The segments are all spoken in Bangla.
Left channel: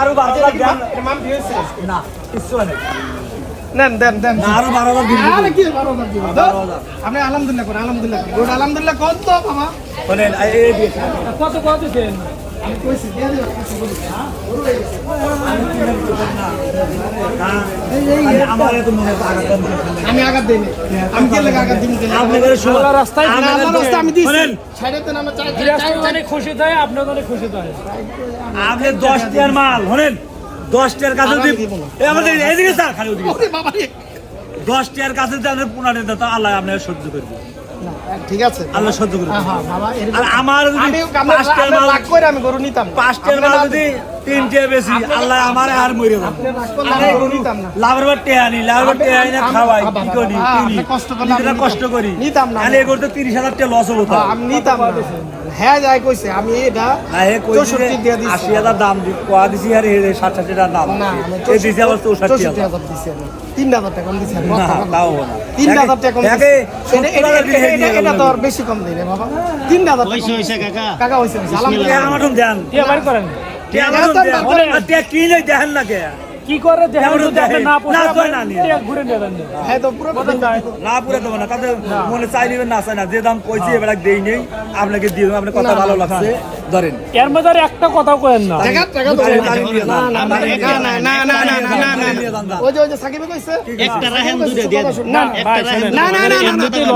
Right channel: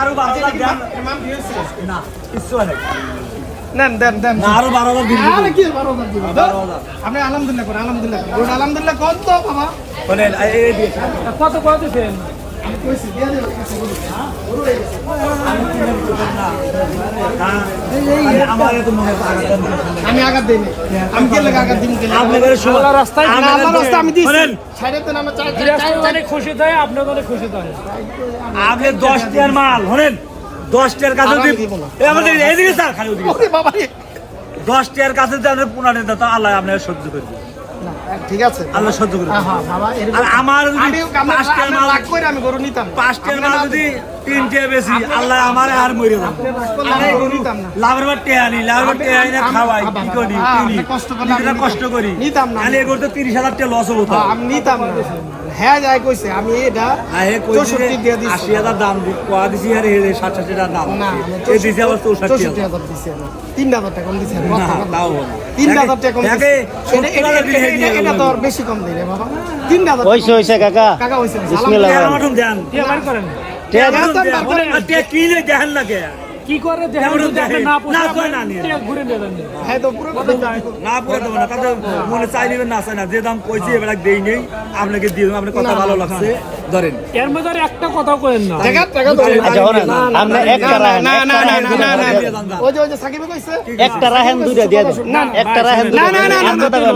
আরো 12 লাখ না কিছু নেই দেন দেন দেন আরো 12,000 দিন আরে কি 12,000 দিন আপনি আলহামদুলিল্লাহ করেন আলহামদুলিল্লাহ গুড আলহামদুলিল্লাহ কত তো বাবা বলেন এই দিয়ে কত কত দিবেন আমি কইছি দিয়ে দেব আমার তো মনে আমি আঘাত দেই আমি কি লাগা আঘাত দিন আপনাদের সোলা রাস্তায় আমার রাস্তা আমি দিছি ছাইড়েতে না আমরা চাই অনেক খুশি থাকে আপনাদের অনেক খুশি থাকে আপনি 10 টাকার মাল শুনেন 10 টাকার কাছে দিব এই আমাদের এইদিকে স্যার খালি ওদিকে ওরে বাবা রে 10 টাকার কাছে যদি আপনি 15 টাকা আল্লাহ আপনার সহ্য করবে না ঠিক আছে আল্লাহ সহ্য করবে হ্যাঁ বাবা আর আমার যদি 5 টাকার মাল লাগ করে আমি গরু নিতাম 5 টাকার মাল যদি 3 টাকা বেশি আল্লাহ আমারে আর মরে যাবে আমি গরু নিতাম না লাভের বাটে আনি লাভের বাটে আনি না খাওয়াই কি করি কষ্ট করি নিতাম না আমি গরু তো 30,000 টাকা লস হলো আমি নিতাম না হ্যাঁ যাই কইছে আমি এটা হ্যাঁ কইছে 64 দিয়া দিছি 80,000 দাম দি কোয়া দিছি আর 60 টাকা দাম না এই দিছি আবার 64,000 দিছি 3,000 টাকা কম দিছি না নাও না 3,000 টাকা কম দিছি এটা তো আর বেশি কম দেই রে বাবা 3,000 হইছে কাকা কাকা হইছে আলহামদুলিল্লাহ আমারও জান টিয়া বাড়ি করেন টিয়া কি লই দেখেন না কে কি করে দেখেন যদি আপনি না পোষায় না টিয়া ঘুরে নেবেন হ্যাঁ তো পুরো না পুরো দেব না তাতে মনে চাইলেন না চাই না যে দাম কইছি এবারে দেই নেই আপনাকে দিয়ে দেব আপনার কথা ভালো লাগছে ধরেন এর মধ্যে একটা কথা কইেন না টাকা টাকা না না না না না ওই যে সাকিব কইছে একটা রাহেন দুইটা দিয়ে দেন না একটা রাহেন না না না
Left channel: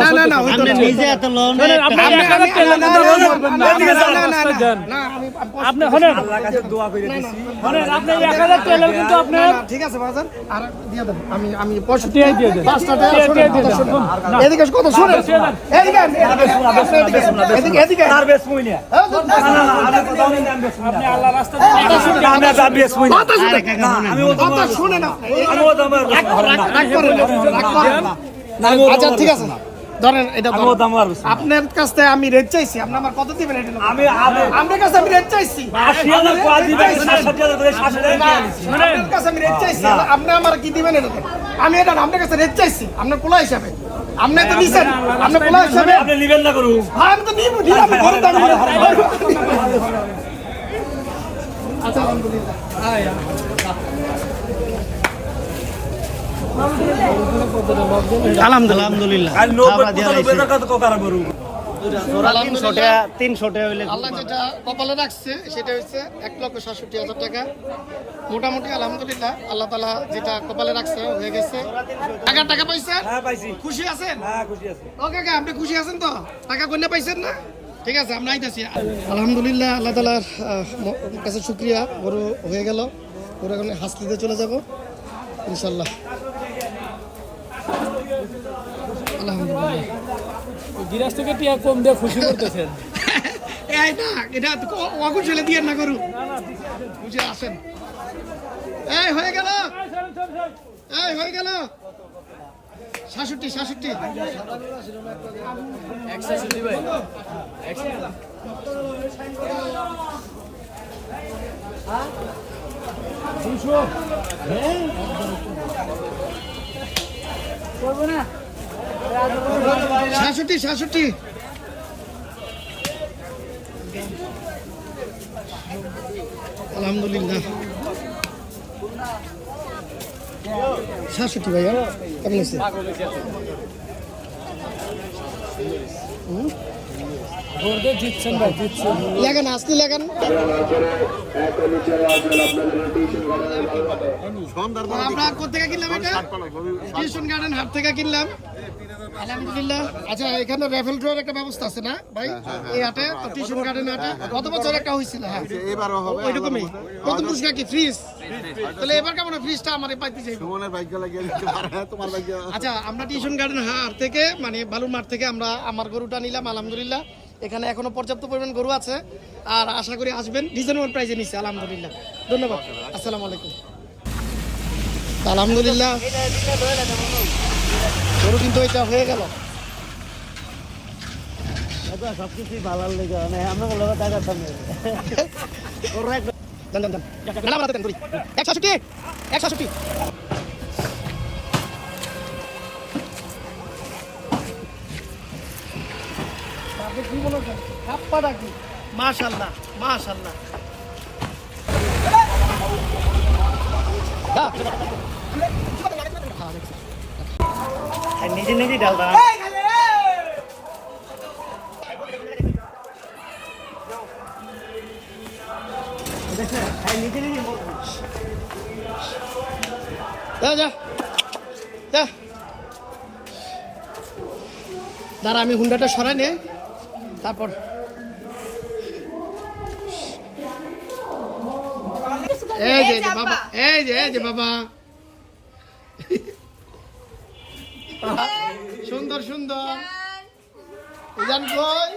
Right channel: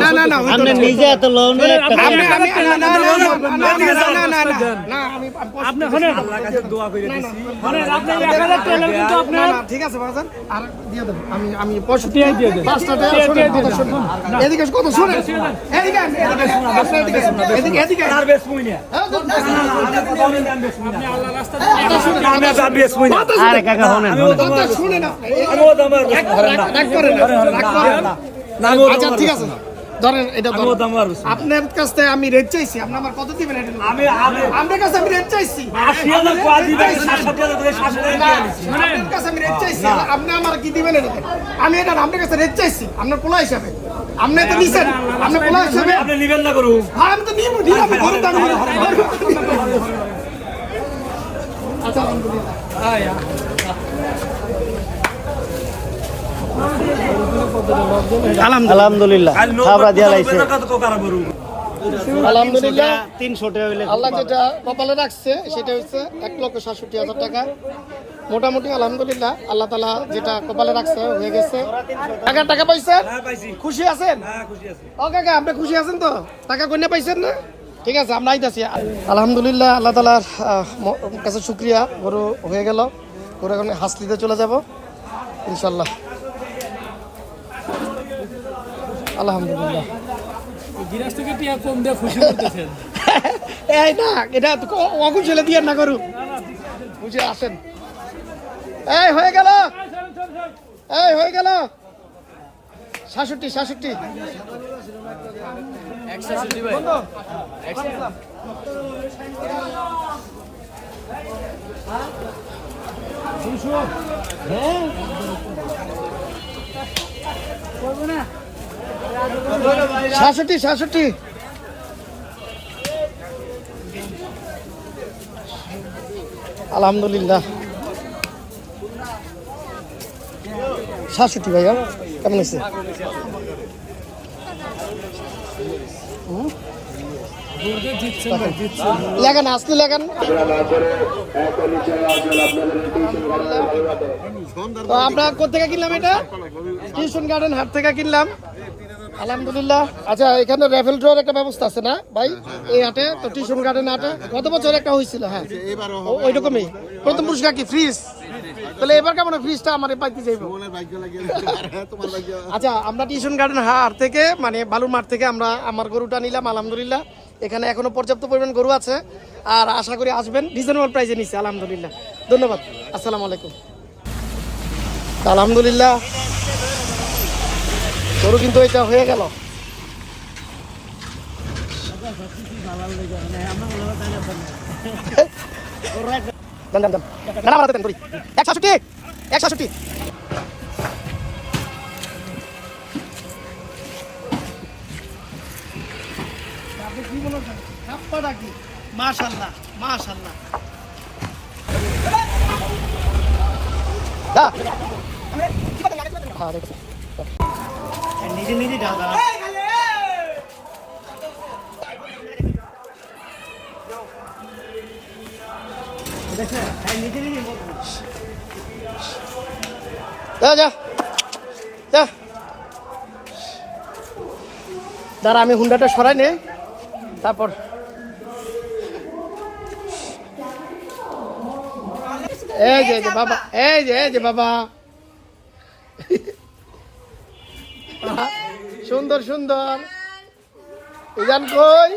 না না না আপনি নিজে এত লোন আপনি না আমি আপনি শুনেন আল্লাহর কাছে দোয়া করে দিছি শুনেন আপনি 1000 টাকা কিন্তু আপনি ঠিক আছে বাজার আর দিয়ে দেব আমি পয়সা দিয়ে দেব 5 টাকা এদিকে কত শুনেন এদিকে এদিকে এদিকে আর বেশ মুইনা আপনি আল্লাহ রাস্তা আমি আর বেশ মুইনা আরে কাকা শুনেন কথা শুনে না আমি ও দাম রাখ করে আচ্ছা ঠিক আছে ধরেন এটা আপনার কাছ থেকে আমি রেট চাইছি আপনি আমার কত দিবেন এটা আমি আপনার কাছে আমি রেট চাইছি 80,000 কোয়া দিবেন 60,000 করে 60,000 আপনার কাছে আমি রেট চাইছি আপনি আমার কি দিবেন এটা আমি এটা আপনার কাছে রেট চাইছি আপনার পোলা হিসাবে আপনি তো নিছেন আপনি পোলা হিসাবে আপনি নেবেন না করু হ্যাঁ আমি তো নিব আমি গরু দাম আচ্ছা আলহামদুলিল্লাহ আল্লাহ যেটা কপালে রাখছে সেটা হচ্ছে 1,67,000 টাকা মোটামুটি আলহামদুলিল্লাহ আল্লাহ তাআলা যেটা কপালে রাখছে হয়ে গেছে টাকা পাইছেন হ্যাঁ পাইছি খুশি আছেন হ্যাঁ খুশি আছি ও কাকা আপনি খুশি আছেন তো টাকা কইনে পাইছেন না ঠিক আছে আমরা আইতাছি আলহামদুলিল্লাহ আল্লাহ তাআলার কাছে শুকরিয়া গরু হয়ে গেল গরু এখন হাসলিতে চলে যাব ইনশাআল্লাহ আলহামদুলিল্লাহ গিরাজ থেকে টিয়া কম দিয়ে খুশি করতেছেন এই না এটা অকুশলে দিয়ে না করু বুঝে আসেন এই হয়ে গেল 66 166 ভাই 200 হ্যাঁ করব না 66 আলহামদুলিল্লাহ 66 ভাইয়া কেমন আছে লাগান আসলে লাগান আমরা কোথেকে কিনলাম এটা টিউশন গার্ডেন হাট থেকে কিনলাম আলহামদুলিল্লাহ আচ্ছা এখানে রেফেল ড্রর একটা ব্যবস্থা আছে না ভাই এই হাটে তো টিউশন গার্ডেন হাটে গত বছর একটা হয়েছিল হ্যাঁ এবারও হবে ওইরকমই প্রথম পুরস্কার কি ফ্রিজ তাহলে এবার কেমন ফ্রিজটা আমার পাইতে যাইব মনের ভাগ্য লাগিয়ে দিতে পারে তোমার ভাগ্য আচ্ছা আমরা টিউশন গার্ডেন হাট থেকে মানে বালুর মাঠ থেকে আমরা আমার গরুটা নিলাম আলহামদুলিল্লাহ এখানে এখনো পর্যাপ্ত পরিমাণ গরু আছে আর আশা করি আসবেন রিজনেবল প্রাইসে নিচ্ছে আলহামদুলিল্লাহ ধন্যবাদ আসসালামু আলাইকুম আলহামদুলিল্লাহ গরু কিন্তু এটা হয়ে গেল সবকিছুই ভালো লেগে মানে আমরা বলা টাকা পাবো করি 166 কি বলো মাশাআল্লাহ মাশাআল্লাহ নিজে নিজে ডাল দাও দাঁড়া আমি হুন্ডাটা সরাই নে তারপর এই যে বাবা এই যে বাবা সুন্দর সুন্দর জান কই